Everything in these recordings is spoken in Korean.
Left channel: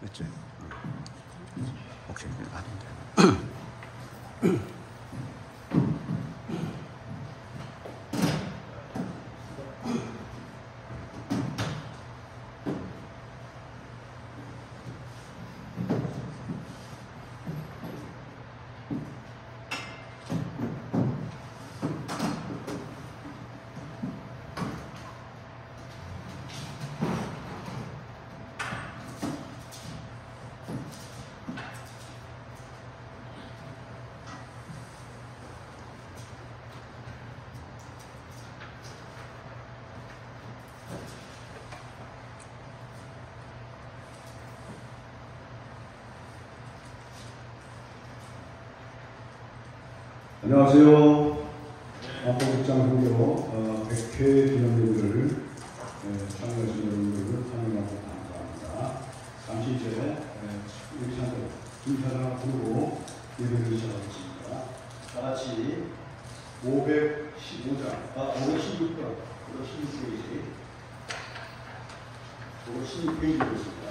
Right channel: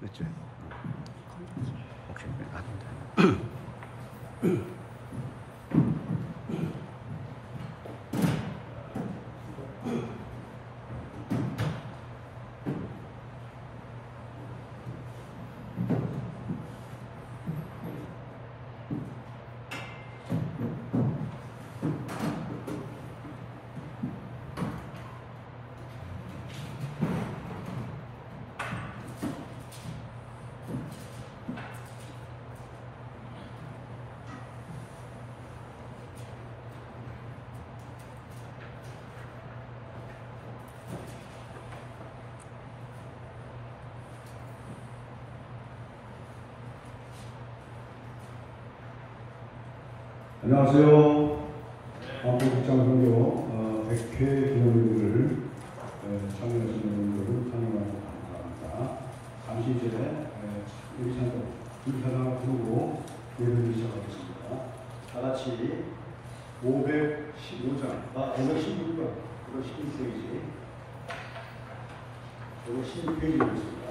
됐지? 오케이, 안 돼. 안녕하세요. 한국국장선교 100회 기념일을 참여하신 여러분들 참여하고 감사합니다. 잠시 이제 여기 잠깐 인사를 부르고 예배를 시작하겠습니다. 다 같이 515장, 516번, 516페이지, 516페이지였습니다.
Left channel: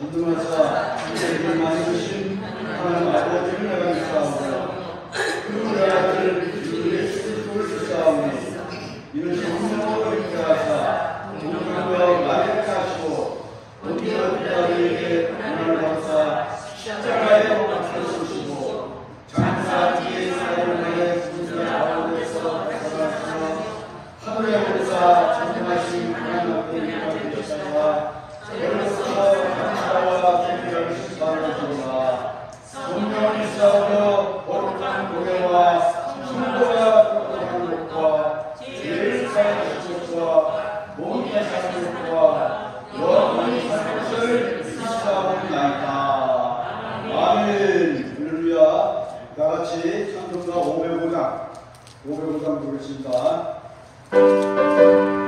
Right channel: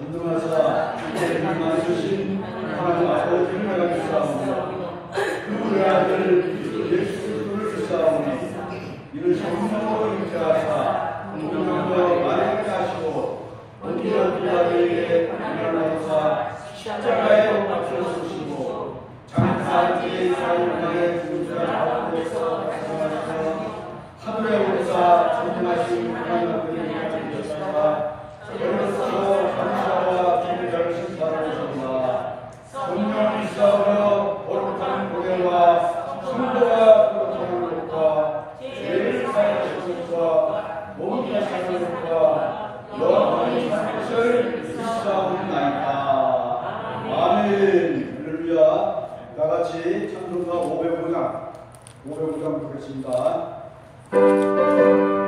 전능하사 이제를 만드신 하나님 아버지 나가겠사옵니다. 그 아들 예수를 주사옵니 이는 성령으로 인도하사 성령과 말을 하시고 어디 어디에게 일어나사 십자가에 못 펴주시고 장사 뒤에 사울의 군대 가운데서 나타나서 하늘에 오르사 전능하신 하나님 아버지가 되셨사 여러분께서 감사와 존경을 시사하시니라. 성령이 싸우며 거룩한 교회와 성도가 거룩한 것과 죄를 사하신 것과 몸이 사는 것과 영원히 사는 것을 시사하옵나이다. 아멘. 할렐루야. 다같이 찬송가 505장 부르겠습니다. 주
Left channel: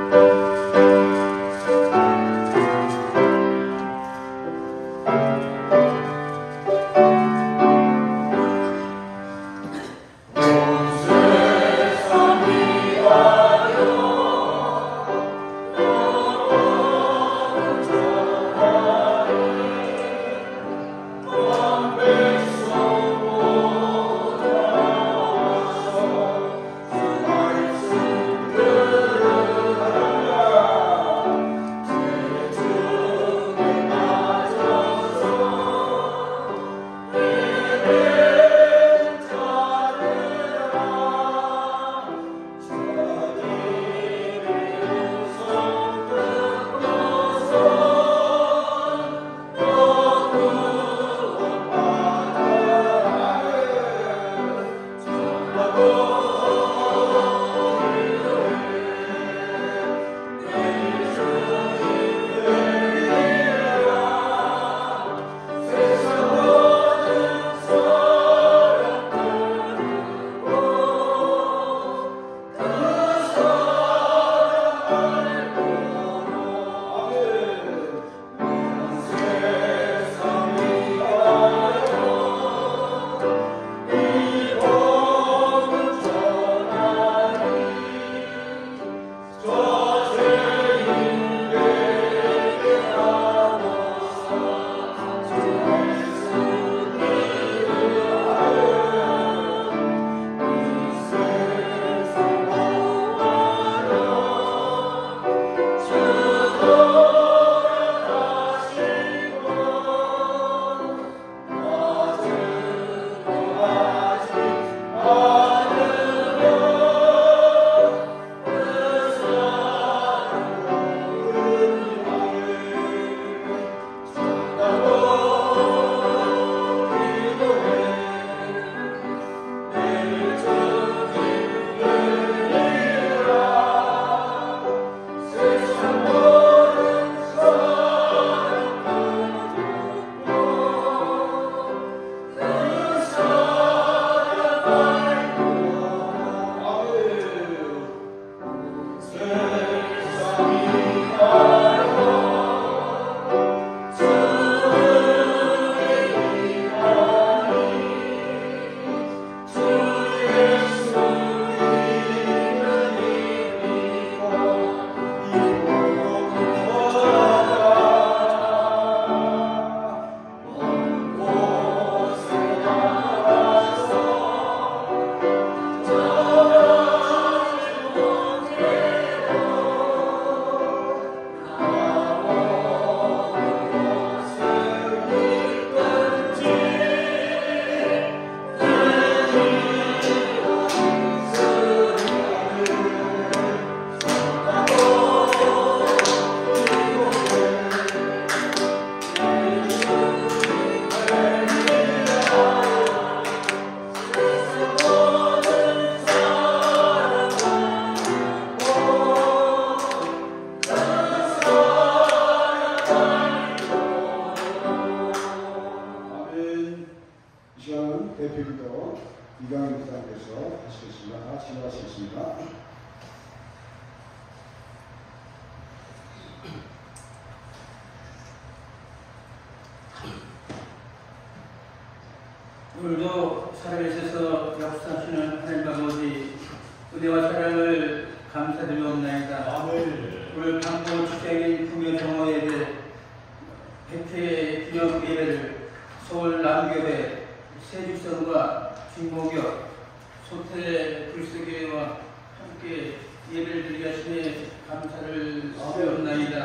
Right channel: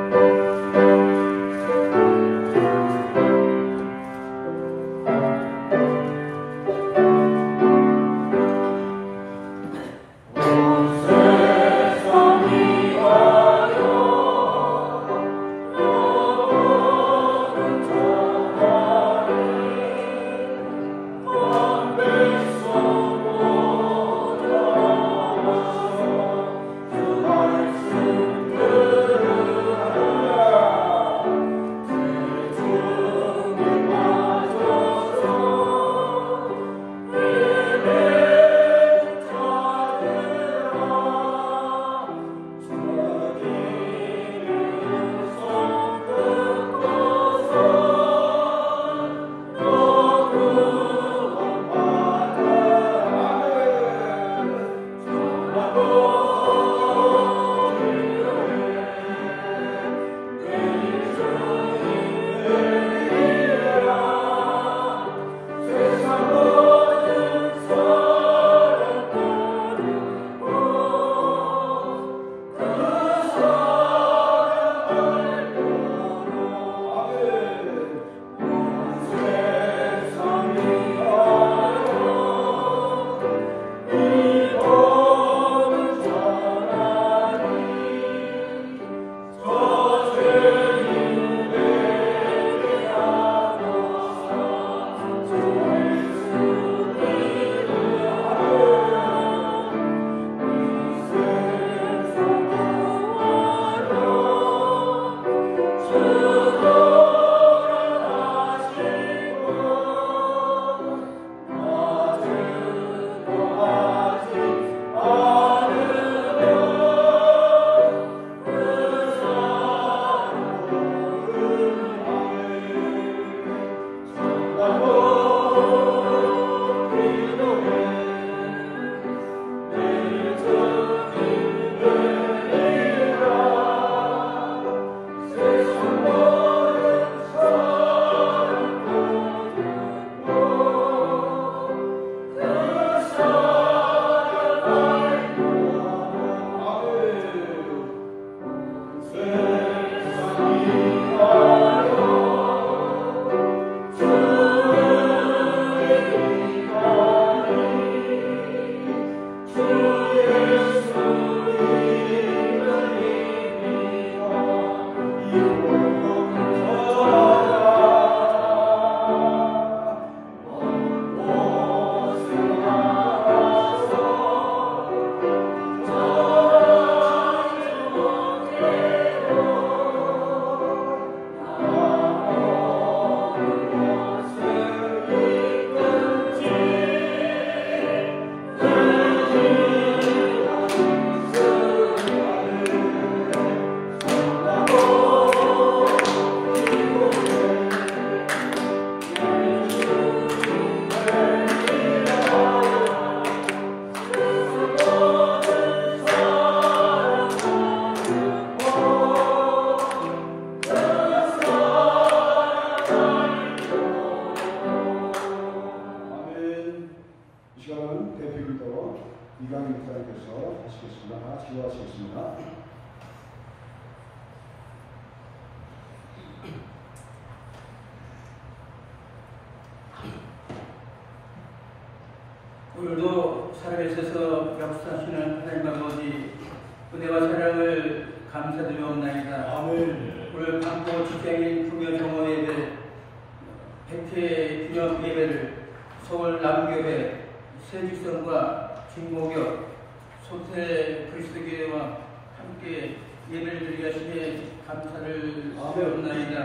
오늘도 살아계셔서 역사하시는 하나님 아버지, 은혜와 사랑을 감사드리옵나이다. 아멘. 오늘 강도 직장인 구교정원예배 100회 기념 예배를 서울 남교회 세직선과 김목역 소태 그리스도교회와 함께 예배를 드리게 하시니 감사를 드리옵나이다.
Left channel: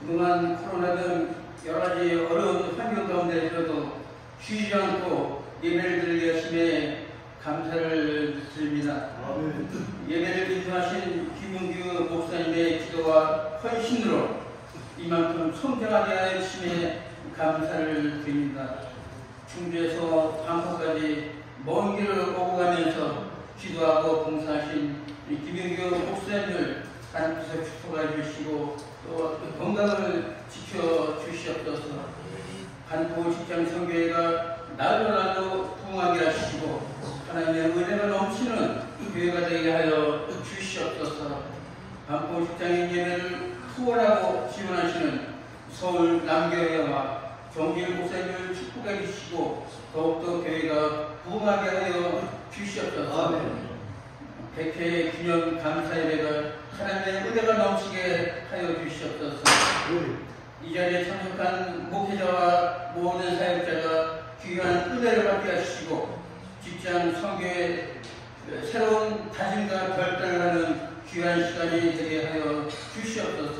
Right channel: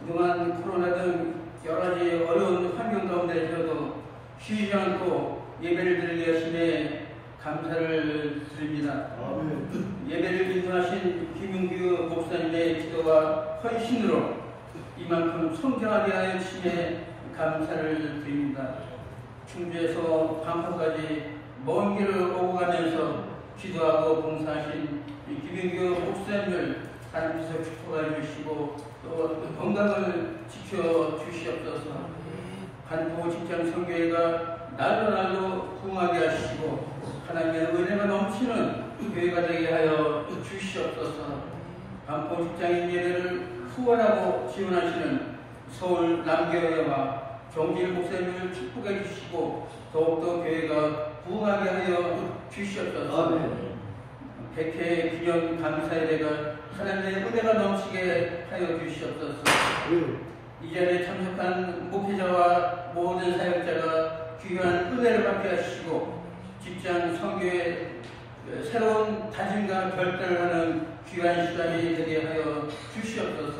그동안 코로나 등 여러 가지 어려운 환경 가운데서도 쉬지 않고 예배를 드리게 하시니 감사를 드립니다. 아멘. 예배를 인도하신 김용규 목사님의 기도와 헌신으로 이만큼 성장하게 하시니 감사를 드립니다. 충주에서 방포까지 먼 길을 오고 가면서 기도하고 봉사하신 김용규 목사님을 하나님께서 축복해 주시고 또 건강을 지켜 주시옵소서. 반포 직장 성교회가 날로 날로 부흥하게 하시고 하나님의 은혜가 넘치는 교회가 되게 하여 주시옵소서. 반포 직장인 예배를 후원하고 지원하시는 서울 남교회와 정길 목사님을 축복해 주시고 더욱더 교회가 부흥하게 하여 주시옵소서. 아멘. 100회 기념 감사 예배가 하나님의 은혜가 넘치게 하여 주시옵소서. 이 자리에 참석한 목회자와 모든 사역자가 귀한 은혜를 받게 하시고 직장 선교에 새로운 다짐과 결단을 하는 귀한 시간이 되게 하여 주시옵소서.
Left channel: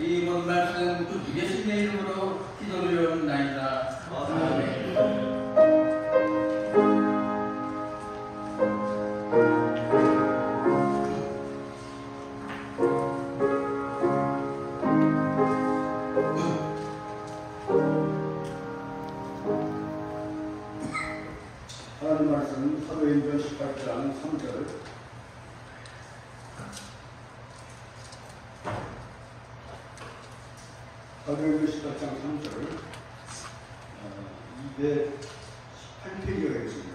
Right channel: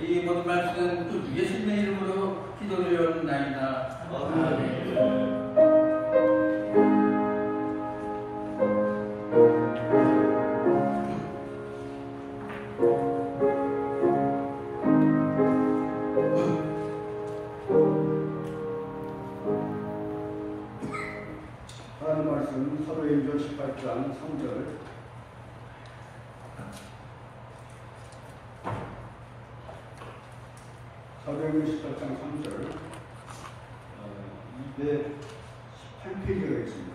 이 모든 말씀 예수님의 이름으로 기도드리옵나이다. 아멘. 하나님 말씀 사도행전 18장 3절. 사도행전 18장 3절 218페이지가 되겠습니다.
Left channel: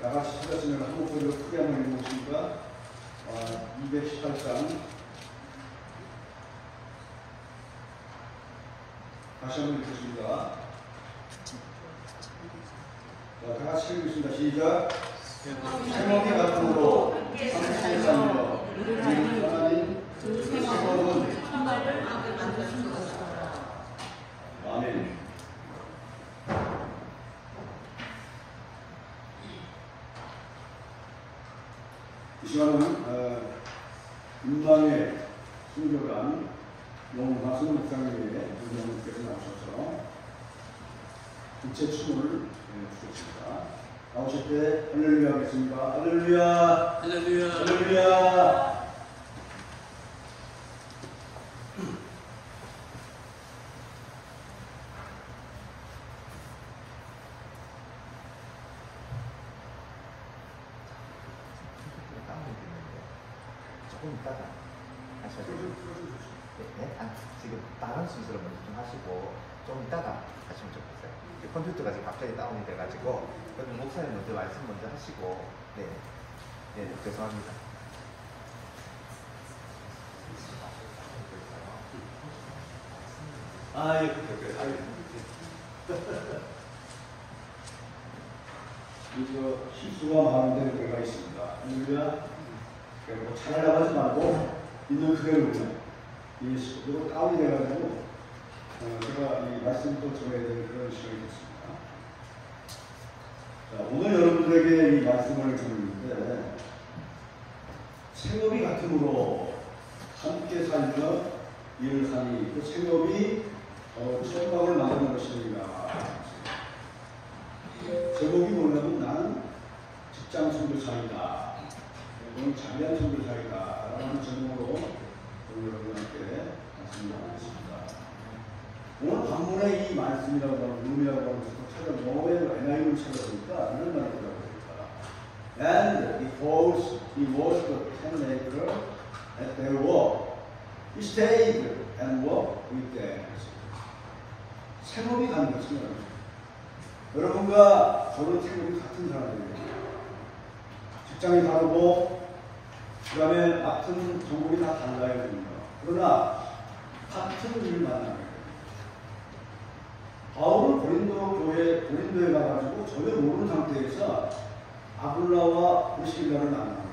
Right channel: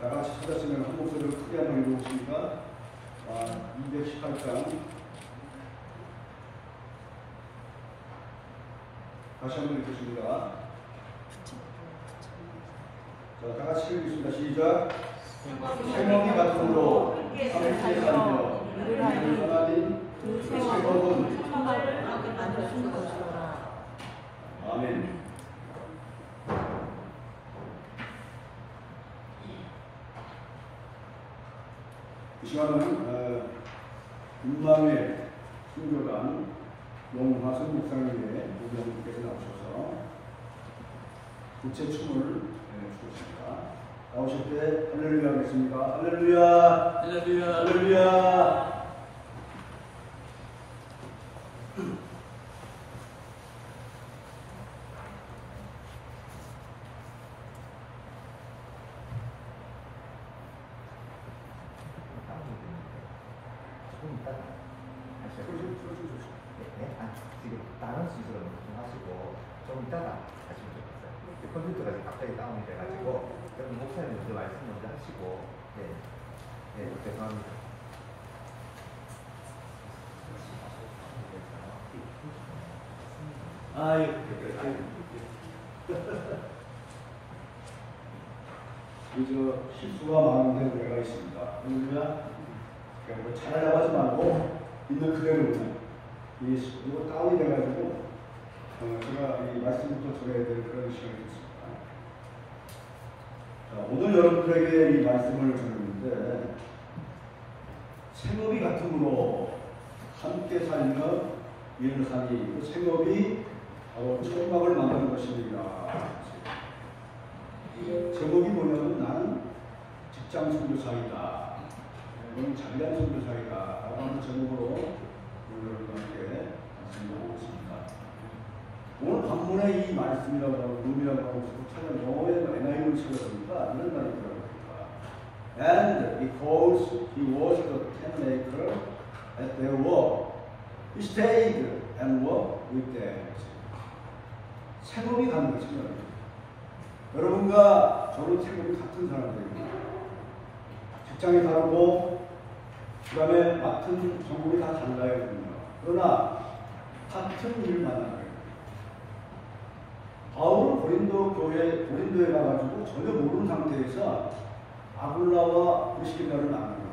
다 같이 찾았으면 한 목소리로 크게 한번 읽어보겠습니다. 218장 다시 한번 읽겠습니다. 자, 다 같이 읽겠습니다. 시작. 생명이 같으므로 함께 살며 우리 하나님 생명은 아멘. 이 시간은 금방의 순교관 용화선 목사님의 의견님께서 나오셔서 국제춤을 추셨습니다. 나오실 때 할렐루야 하겠습니다. 할렐루야. 할렐루야. 할렐루야. 조금 이따가 지금 다른 순서로 먼저 좀 하시고 좀 이따가 하시면 좋겠어요. 컴퓨터가 지금 갑자기 다운이 돼가지고 여러분 목사님 먼저 말씀 먼저 하시고 네 죄송합니다. 저 실수가 많은 데가 있습니다. 할렐루야. 잘하려고 하지 말고 있는 그대로 이 식으로 다운이 돼가지고 우리가 이 말씀도 전해야 되는 그런 시간이 됐습니다. 자, 오늘 여러분들에게 이 말씀을 드리는데 생업이 같으므로 함께 살며 일을 하니 그 생업이 천막을 만드는 것입니다. 제목이 뭐냐면 나는 직장 선교사이다. 오늘 자비한 선교사이다. 라는 제목으로 오늘 여러분께 말씀드리겠습니다. 오늘 본문의 이 말씀이라고 의미하고 저는 영어의 NIV를 찾아보니까 이런 말이 있더라고요. And because he was the tent maker at their work, he stayed and worked with them. 태범이 가능하시면 여러분과 저는 태범이 같은 사람들입니다. 직장이 다르고 그 다음에 맡은 전공이 다 달라야 됩니다. 그러나 같은 일을 만나는 거예요. 바울은 고린도에 가가지고 전혀 모르는 상태에서 아굴라와 브리스길라를 만난 거예요.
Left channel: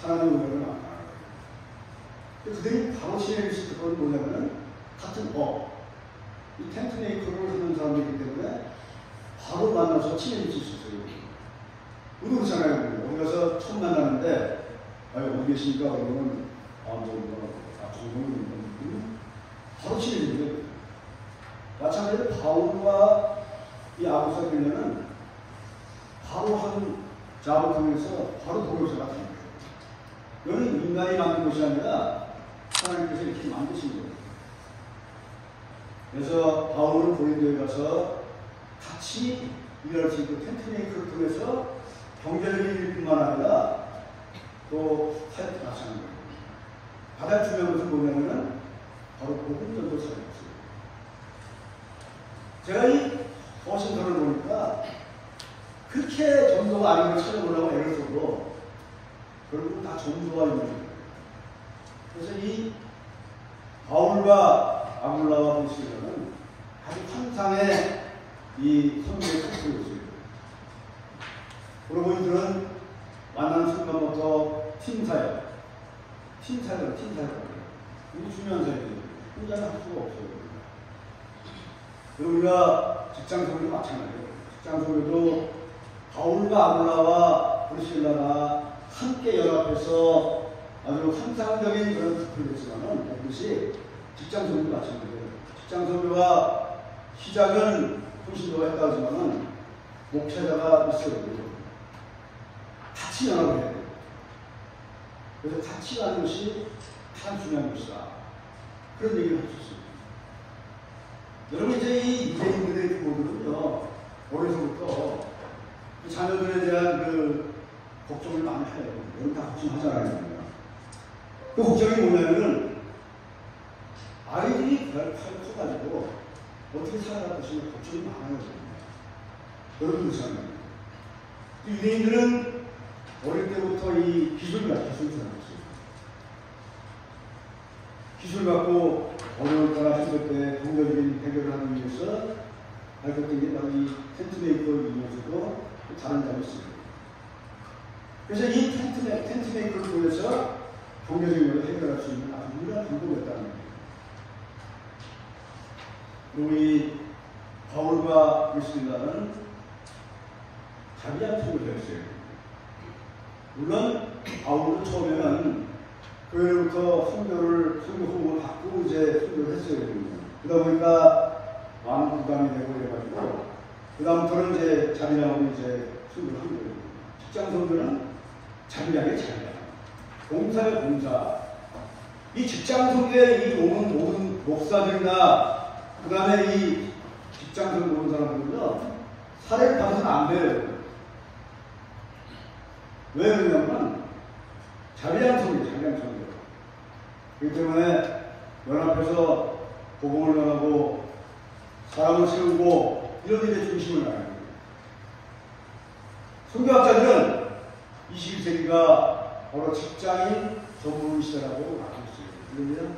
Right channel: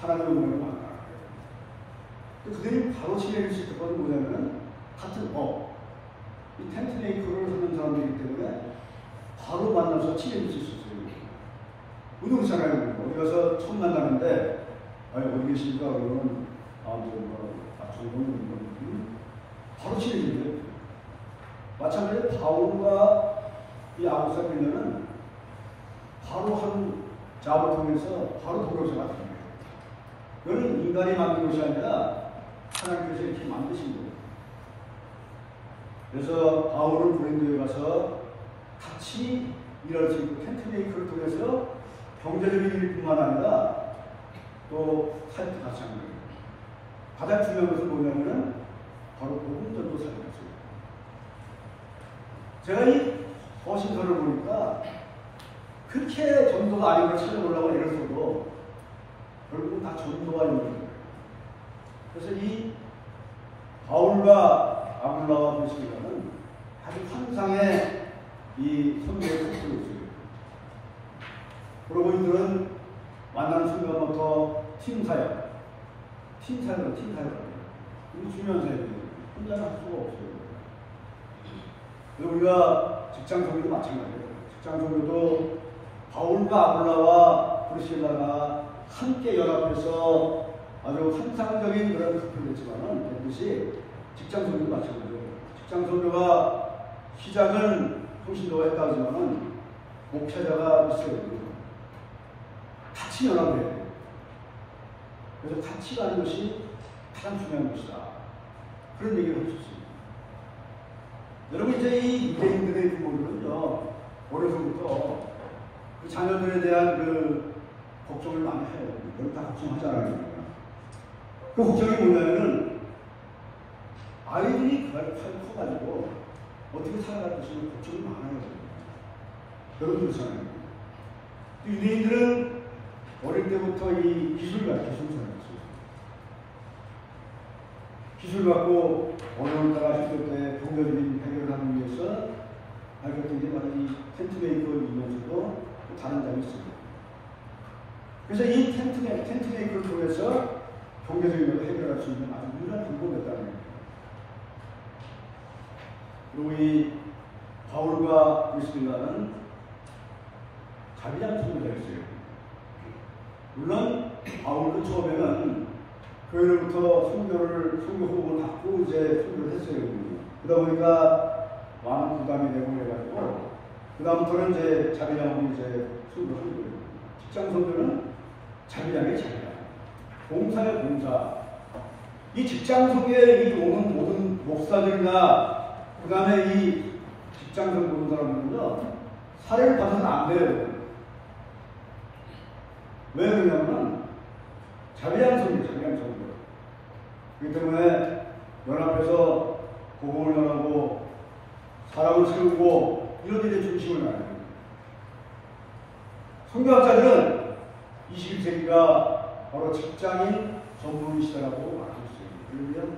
하나님의 은혜를 만난 거예요. 그들이 바로 지내고 있을 때는 뭐냐면은 같은 이 텐트 메이커를 하는 사람들이기 때문에 바로 만나서 친해질 수 있었어요. 우리도 그렇잖아요. 어디 가서 처음 만나는데 어디 계십니까? 그러면 정동님 바로 친해지죠. 마찬가지로 바울과 이 아구사빌라는 바로 한 작업을 통해서 바로 도로에서 같은 거예요. 이거는 인간이 만든 것이 아니라 하나님께서 이렇게 만드신 거예요. 그래서 바울은 고린도에 가서 같이 일할 수 있고 텐트 메이커를 통해서 경제적인 일뿐만 아니라 또 타협도 같이 하는 거예요. 가장 중요한 것은 뭐냐면은 바로 복음전도 사역이었어요. 제가 이 허신서를 보니까 그렇게 전도가 아닌 걸 찾아보려고 애를 써도 결국은 다 전도가 있는 거예요. 그래서 이 바울과 아굴라와 브리스길라는 아주 환상의 이 성경의 사건이었어요. 그러고 이들은 만나는 순간부터 팀사역. 이게 중요한 사역이죠. 혼자는 할 수가 없어요. 그리고 우리가 직장 선교도 마찬가지예요. 직장 선교도 바울과 아굴라와 브리스길라가 함께 연합해서 아주 환상적인 그런 부분을 냈지만은 그것이 직장 선교도 마찬가지예요. 직장 선교가 시작은 통신도가 했다 하지만은 목회자가 있어야 돼요. 같이 연합을 해야 돼요. 그래서 같이 가는 것이 가장 중요한 것이다. 그런 얘기를 해주셨습니다. 여러분 이제 이 유대인들의 부모들은요 어려서부터 그 자녀들에 대한 그 걱정을 많이 해요. 여러분 다 걱정하잖아요. 그 걱정이 뭐냐면은 아이들이 커가지고 어떻게 살아갈 것인지 걱정이 많아요. 여러분 그렇잖아요. 유대인들은 어릴 때부터 이 기술을 살았어요. 기술 갖고 어려움을 따라했을 때 동료적인 해결을 하기 위해서 발견된 게 바로 이 텐트 메이커 이면서도 다른 점이 있습니다. 그래서 이 텐트 메이커를 통해서 경제적인 걸 해결할 수 있는 아주 유일한 방법이었다는 거예요. 그리고 이 바울과 브리스길라는 자기장 선교사였어요. 물론 바울은 처음에는 교회로부터 선교 후보를 받고 이제 선교를 했어요. 그러다 보니까 많은 부담이 되고 그래가지고 그다음부터는 이제 자기장으로 이제 선교를 한 거예요. 직장 선교는 자기장의 자기장, 봉사의 봉사. 이 직장 선교에 이 오는 모든 목사들이나 그다음에 이 직장 선교 보는 사람들은요 사례를 받아서는 안 돼요. 왜 그러냐면 자비한 성이에요. 그렇기 때문에 연합해서 복음을 전하고 사람을 세우고 이런 일에 중심을 놔야 돼요. 선교학자들은 21세기가 바로 직장이 전문 시대라고 말했어요. 그러면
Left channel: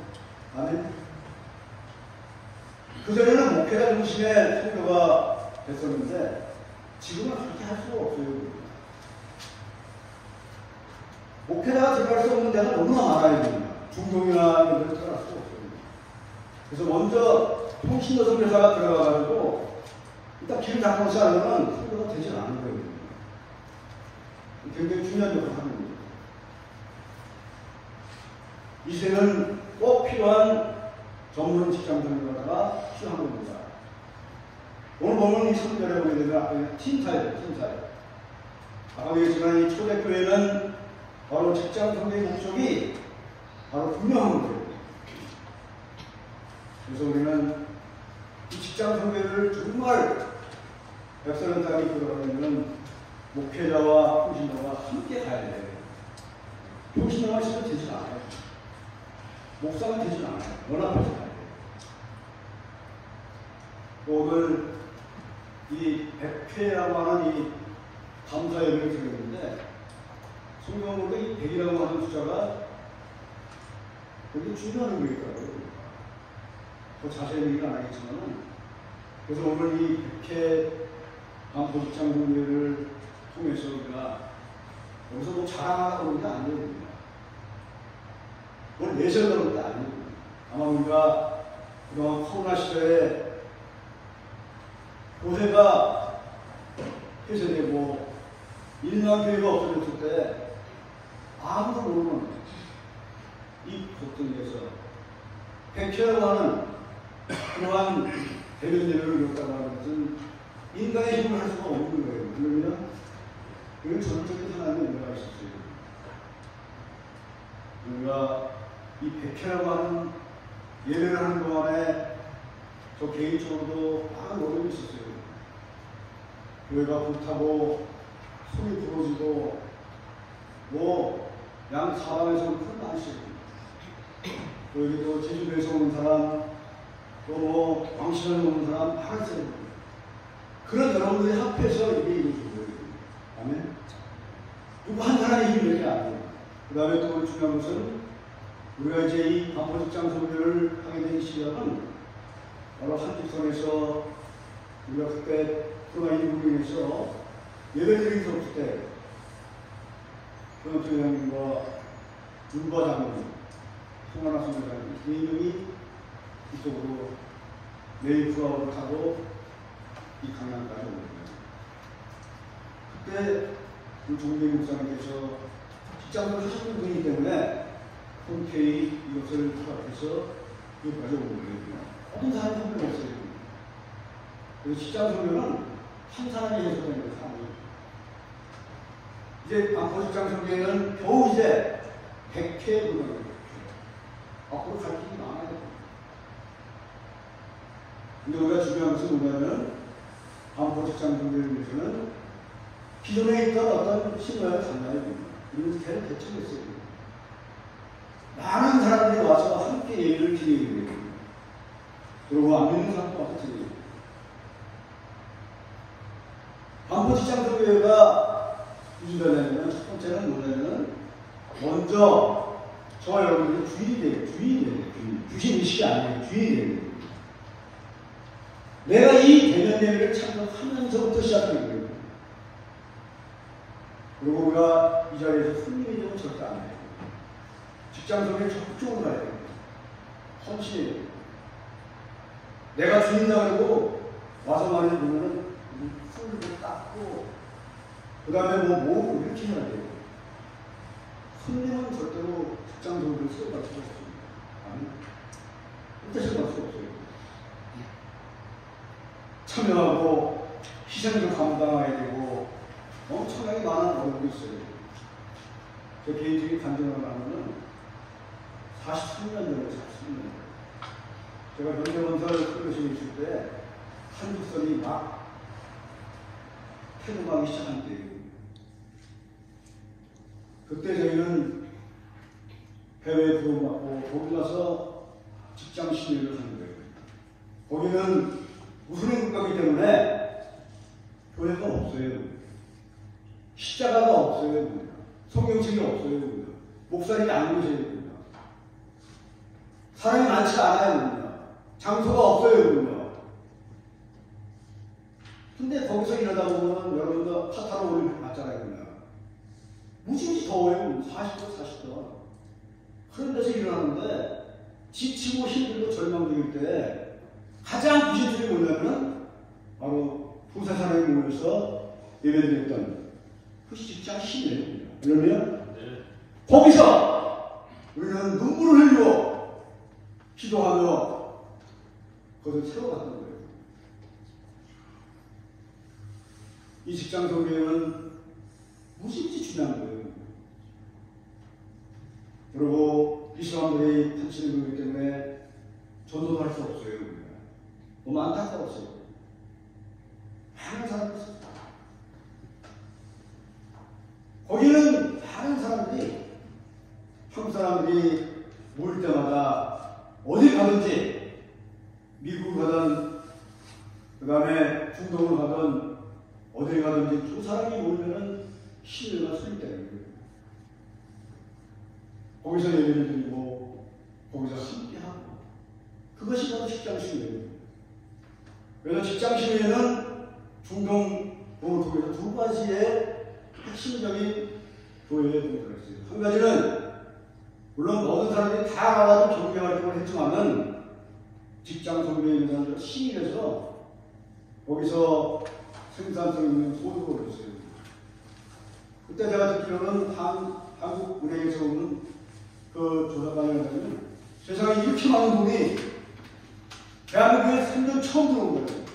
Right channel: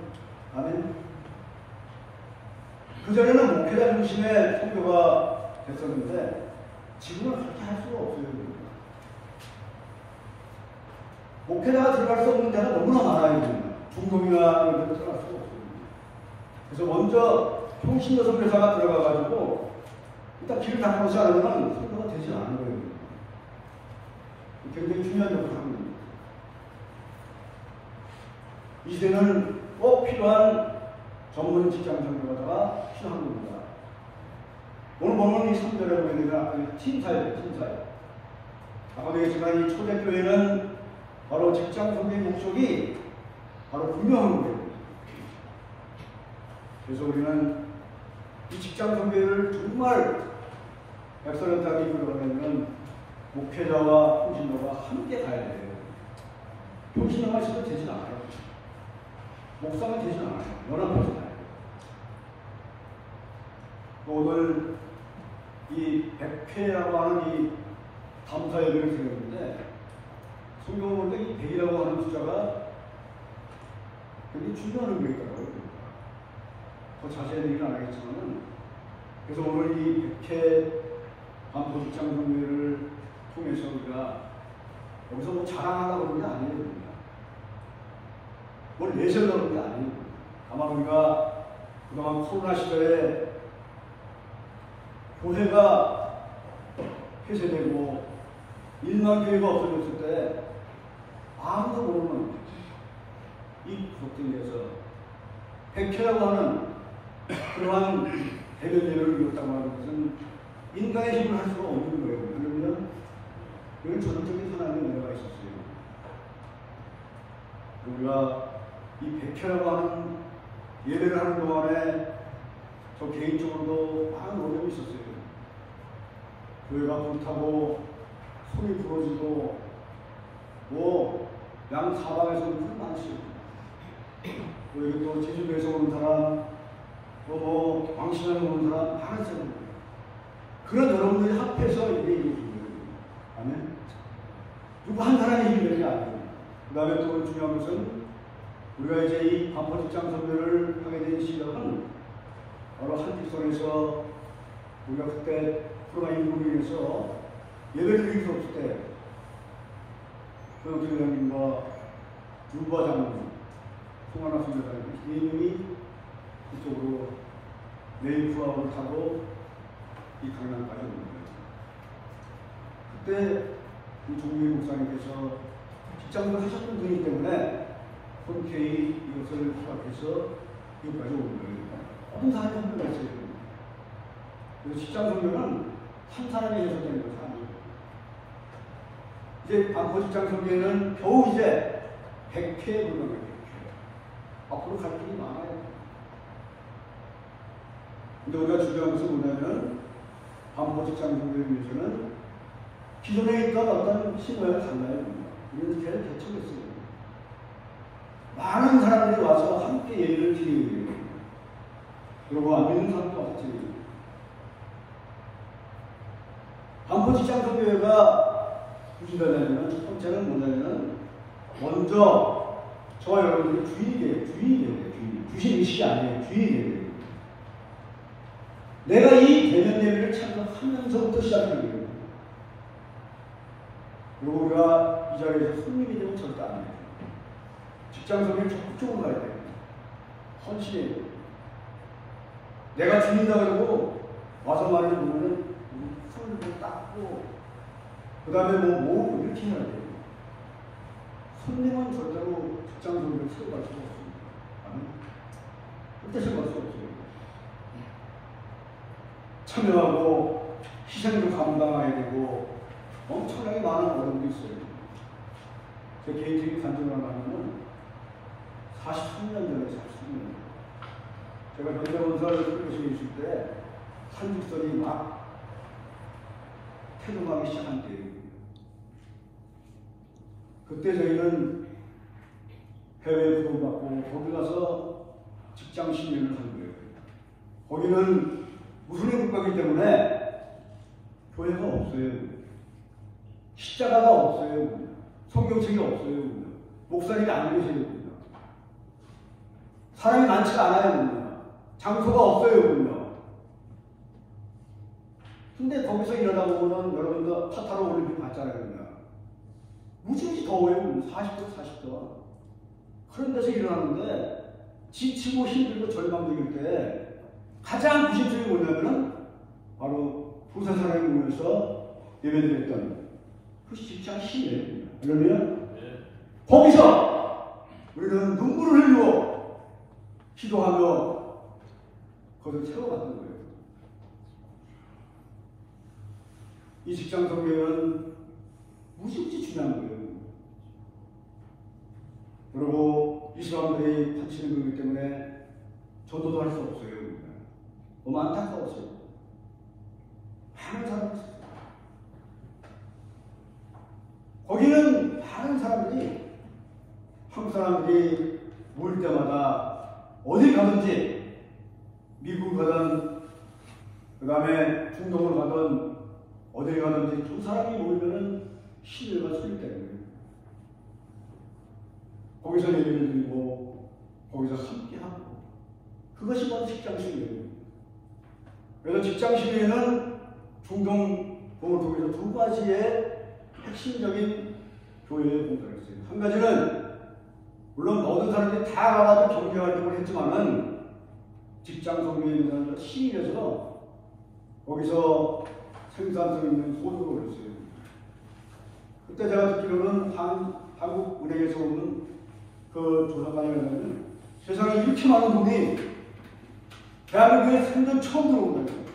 아멘. 그전에는 목회자 중심의 선교가 됐었는데 지금은 그렇게 할 수가 없어요. 목회자가 들어갈 수 없는 데가 너무나 많아요. 중동이나 이런 데로 들어갈 수가 없어요. 그래서 먼저 통신도 선교사가 들어가가지고 일단 길을 닦아놓지 않으면 선교가 되지 않은 거예요. 굉장히 중요한 역할을 합니다. 이 시대는 꼭 필요한 전문 직장 선교사가 필요한 겁니다. 오늘 보면 이 선교를 보게 되면 팀사예요. 아까 얘기했지만 이 초대교회는 바로 직장 선교의 목적이 바로 분명한 거예요. 그래서 우리는 이 직장 선교를 정말 엑설런트하게 이끌어가려면 목회자와 통신자가 함께 가야 돼요. 통신자가 진짜 되지 않아요. 목사가 되지 않아요. 연합해서 가야 돼요. 오늘 이 100회라고 하는 이 감사 예배를 드렸는데 성경은 이 100이라고 하는 숫자가 굉장히 중요한 의미가 있더라고요. 더 자세히 얘기는 안 하겠지만, 그래서 오늘 이 100회 반포직장 공회를 통해서 우리가 여기서 뭐 자랑하려고 그러는 게 아니거든요. 뭘 내세우려고 그러는 게 아니거든요. 다만 우리가 그동안 코로나 시대에 교회가 폐쇄되고 1만 교회가 없어졌을 때 아무도 모르는 이 구석등에서 100회라고 하는 그러한 대면 예배를 이뤘다고 하는 것은 인간의 힘을 할 수가 없는 거예요. 그러면 이런 전적인 하나님의 은혜가 있었어요. 우리가 이 100회라고 하는 예배를 하는 동안에 저 개인적으로도 많은 어려움이 있었어요. 교회가 불타고 손이 부러지고 뭐 양 사방에서는 큰 많으시고 여기 또 제주도에서 오는 사람 또 광신에서 오는 사람 많았어요. 그런 여러분들이 합해서 이게 이루어진 거예요. 아멘. 누구 한 사람의 힘이 되는 게 아니에요. 그 다음에 또 중요한 것은 우리가 이제 이 반포직장 선교를 하게 된 시작은 여러 한직선에서 우리가 그때 코로나19로 인해서 예배를 드릴 수 없을 때 교육장님과 윤과 장로님, 송하나 선교사님 이 명이 이쪽으로 메이프아웃을 타고 이 강남까지 오는 거예요. 그때 우리 종민 목사님께서 직장을 하셨던 분이기 때문에 흔쾌히 이것을 허락해서 여기까지 온 거예요. 어떤 사람이 한 명 없어요. 그래서 직장 선교는 한 사람이 해서 되는 것은 아니에요. 이제 반포직장 선교에는 겨우 이제 100회 오는 거예요. 앞으로 갈 길이 많아요. 근데 우리가 중요한 것은 뭐냐면 반포직장 선교를 위해서는 기존에 있던 어떤 신호를 달라야 됩니다. 이런 개를 개척했어요. 많은 사람들이 와서 함께 예배를 드리고 있는 거예요. 그리고 안 믿는 사람도 마찬가지예요. 반포직장 선교회가 무슨 말이냐면 첫 번째는 뭐냐면 먼저 저와 여러분들이 주인이 돼요. 주인이 돼요. 주신 의식이 아니에요. 주인이 돼요. 내가 이 대면 예배를 참석하면서부터 시작되는 거예요. 그리고 우리가 이 자리에서 손님이 되면 절대 안 해요. 직장 선교를 적극적으로 가야 돼요. 헌신해야 돼요. 내가 주인이라고 그러고 와서 말을 보면은 풀고 닦고 그 다음에 뭐 이렇게 해야 돼요. 손님은 절대로 직장 선교를 쓰러갈 수가 없습니다. 아니? 절대 쓰러갈 수가 없어요. 참여하고 희생도 감당해야 되고 엄청나게 많은 어려움이 있어요. 제 개인적인 간증을 하면 43년 전에 43년 제가 현대원사를 설교실에 있을 때 한국선이 막 태동하기 시작한 때예요. 그때 저희는 해외에 부름받고 거기 가서 직장 신뢰를 하는 거예요. 거기는 무슬림 국가이기 때문에 교회가 없어요. 십자가가 없어요. 성경책이 없어요. 목사님이 안 계세요. 사람이 많지 않아요. 장소가 없어요. 근데 거기서 일하다 보면 여러분도 카타르 올림픽 봤잖아요. 무지무지 더워요. 40도, 40도. 그런 데서 일어나는데 지치고 힘들고 절망적일 때 가장 구실적이 뭐냐면 바로 두세 사람이 모여서 예배드렸던 그 직장 힘이에요. 그러면 거기서 우리는 눈물을 흘리고 기도하며 그것을 세워갔던 거예요. 이 직장 선교회는 무지무지 중요한 거예요. 그리고 이 사람들이 다치는 거기 때문에 전도도 할 수 없어요. 너무 안타까웠어요. 많은 사람들이 있어요. 거기는 다른 사람들이 한국 사람들이 올 때마다 어디 가든지 미국 가든 그 다음에 중독을 가든 어딜 가든지 두 사람이 모이면은 신뢰가 수립되는 거예요. 거기서 얘기를 드리고 거기서 함께하고 그것이 바로 직장신뢰예요. 그래서 직장신뢰는 중동을 통해서 두 가지의 핵심적인 교회의 공부를 했어요. 한 가지는 물론 모든 사람들이 다 나와도 종교 활동을 했지만은 직장 성교에 있는 사람들 시민에서 거기서 생산성 있는 소득을 올렸어요. 그때 제가 듣기로는 한국은행에서 오는 그 조사관이 하면 세상에 이렇게 많은 돈이 대한민국에 생전 처음 들어온 거예요.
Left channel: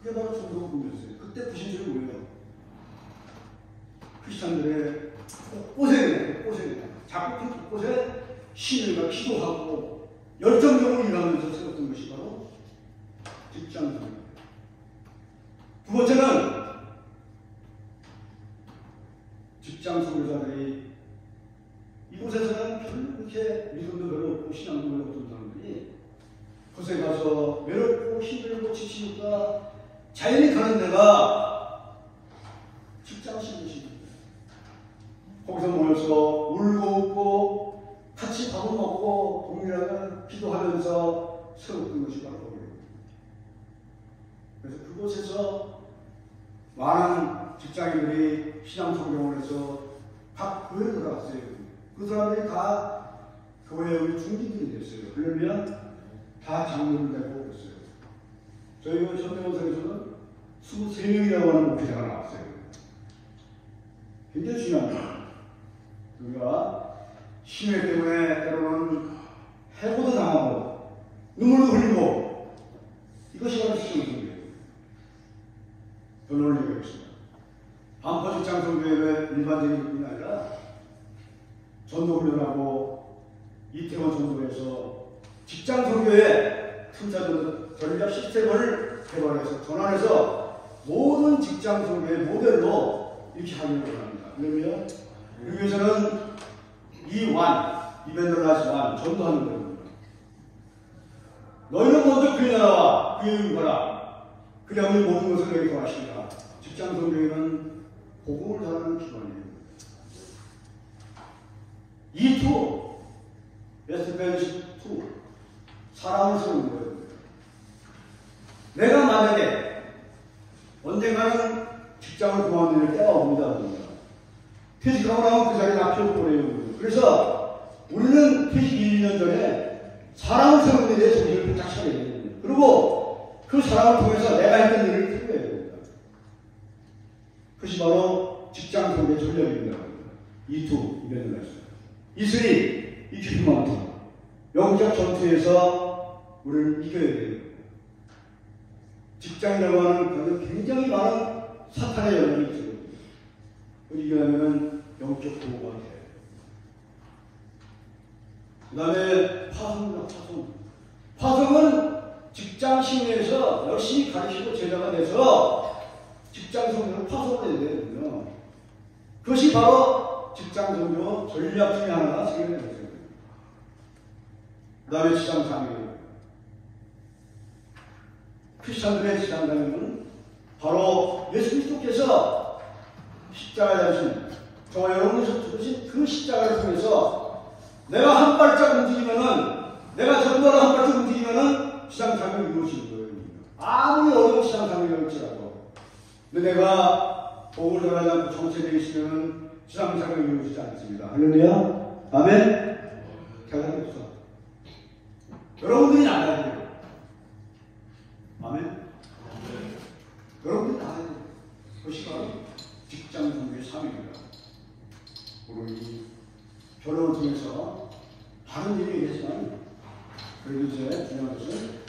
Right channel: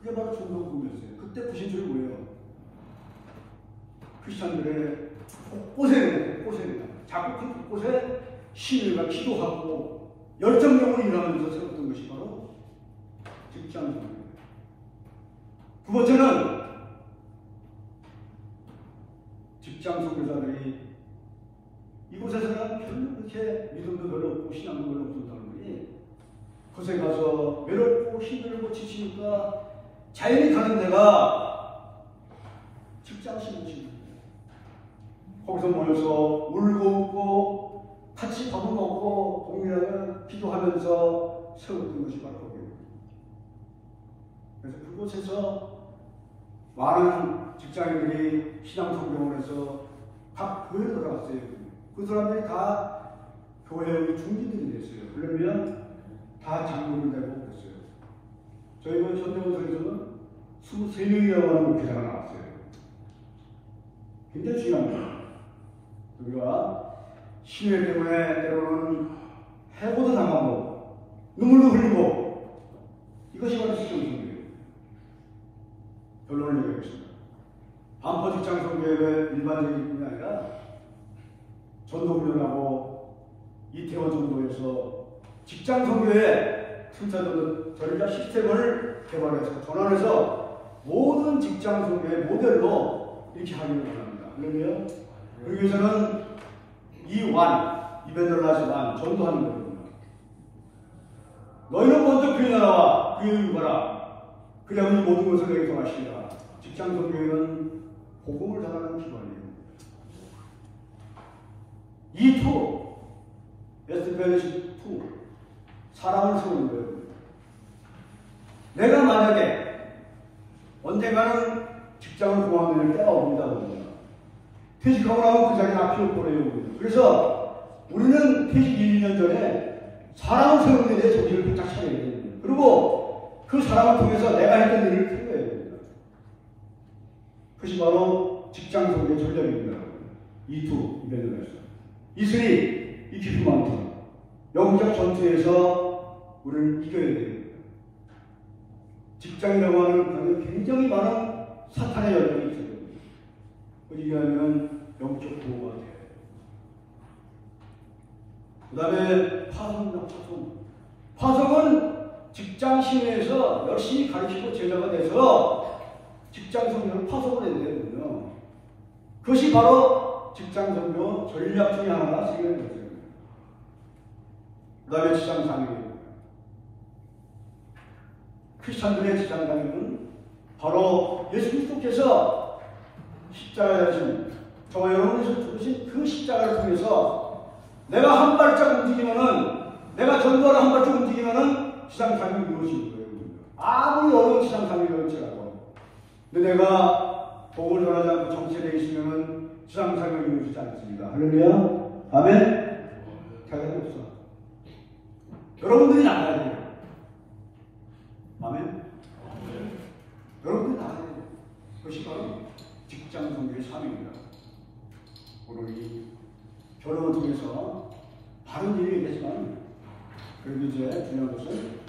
그게 바로 중동금이었어요. 그때 부신들이 뭐예요? 크리스찬들의 곳곳에 자꾸 곳곳에 신일과 기도하고 열정적으로 일하면서 세웠던 것이 바로 직장성이에요. 두 번째는 직장 선교사들이 이곳에서는 별로 그렇게 믿음도 별로 없고 신앙도 별로 없던 사람들이 그곳에 가서 외롭고 힘들고 지치니까 자연히 가는 데가 직장 신입니다. 거기서 모여서 울고 웃고 같이 밥을 먹고 동일하게 기도하면서 세웠던 것이 바로 거기예요. 그래서 그곳에서 많은 직장인들이 신앙 성경을 해서 각 교회에 들어갔어요. 그 사람들이 다 교회의 중진들이 됐어요. 그러면 다 장로를 되고 그랬어요. 저희가 전대원사에서는 23명이라고 하는 목회자가 나왔어요. 굉장히 중요합니다. 우리가 신뢰 때문에 때로는 해고도 당하고 눈물도 흘리고 이것이 바로 직장성교회예요. 결론을 얘기하겠습니다. 반포 직장성교회의 일반적인 뿐이 아니라 전도훈련하고 이태원 정도에서 직장성교회 전략 시스템을 개발해서 전환해서 모든 직장성교회 모델로 이렇게 하려고 합니다. 그러면 여기 위해서는 이벤더라지만 전도하는 겁니다. 너희는 먼저 그의 나라와 그의 의를 그래야 우리 모든 것을 내게 더하시리라. 직장성교회는 복음을 전하는 기관이에요. 에스페리시2 사랑을 세우는 거예요. 내가 만약에 언젠가는 직장을 그만둘 때가 옵니다. 퇴직하고 나면 그 자리에 납치를 버려요. 그래서 우리는 퇴직 1년 전에 사랑을 세우는 데 대해서 정신을 바짝 차려야 됩니다. 그리고 그 사랑을 통해서 내가 했던 일을 풀어야 됩니다. 그것이 바로 직장 성교의 전략입니다. 이벤트가 이큐피 마운틴. 영적 전투에서 우리를 이겨야 됩니다. 직장이라고 하는 굉장히 많은 사탄의 열정이 있어요. 이기려면 영적 보호가 돼요. 그 다음에 파송은 직장 신뢰에서 열심히 가르치고 제자가 돼서 직장 성교를 파송을 해야 되거든요. 그것이 바로 직장 성교 전략 중에 하나가 생각이 됐어요. 그 다음에 지상 상입니다. 크리스찬들의 지상 상임은 바로 예수 그리스도께서 십자가에 달리신 저와 여러분을 죽으신 그 십자가를 통해서 내가 한 발짝 움직이면은 내가 전도하러 한 발짝 움직이면은 지상 상임을 이루어지는 거예요. 아무리 어려운 지상 상임을 할지라도 근데 내가 복을 전하지 않고 정체되어 있으면 지상 상임을 이루어지지 않습니다. 할렐루야. 아멘. 잘 들었어. 여러분들이 나가야 돼요. 아멘. 여러분들이 나가야 돼요. 그것이 바로 직장 성교의 삶입니다. 우리 결혼을 통해서 다른 일이 있겠지만 그래도 이제 중요한 것은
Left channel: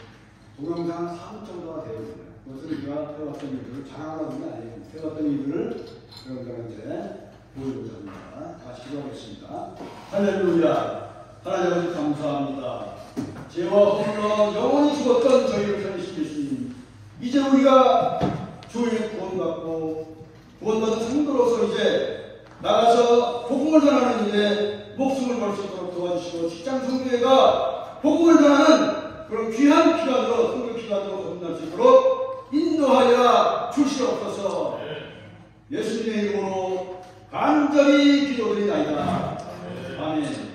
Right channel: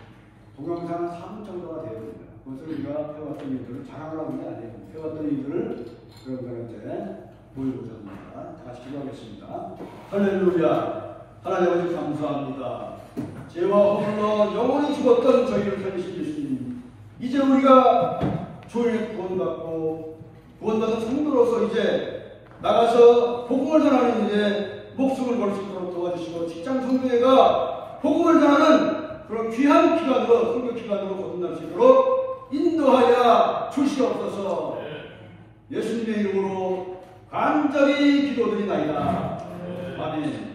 동영상 4분 정도가 돼야 됩니다. 그것을 우리가 해왔던 일들을 자랑하려는 게 아니에요. 해왔던 일들을 여러분들한테 보여주자 합니다. 같이 기도하겠습니다. 할렐루야. 하나님 아버지 감사합니다. 죄와 홀로 영원히 죽었던 저희를 살리신 예수님, 이제 우리가 교회에 구원받고 구원받은 성도로서 이제 나가서 복음을 전하는 일에 목숨을 걸 수 있도록 도와주시고 직장 성교회가 복음을 전하는 그런 귀한 기관으로 성교 기관으로 거듭날 수 있도록 예수님의 이름으로 간절히 기도드리나이다. 아멘.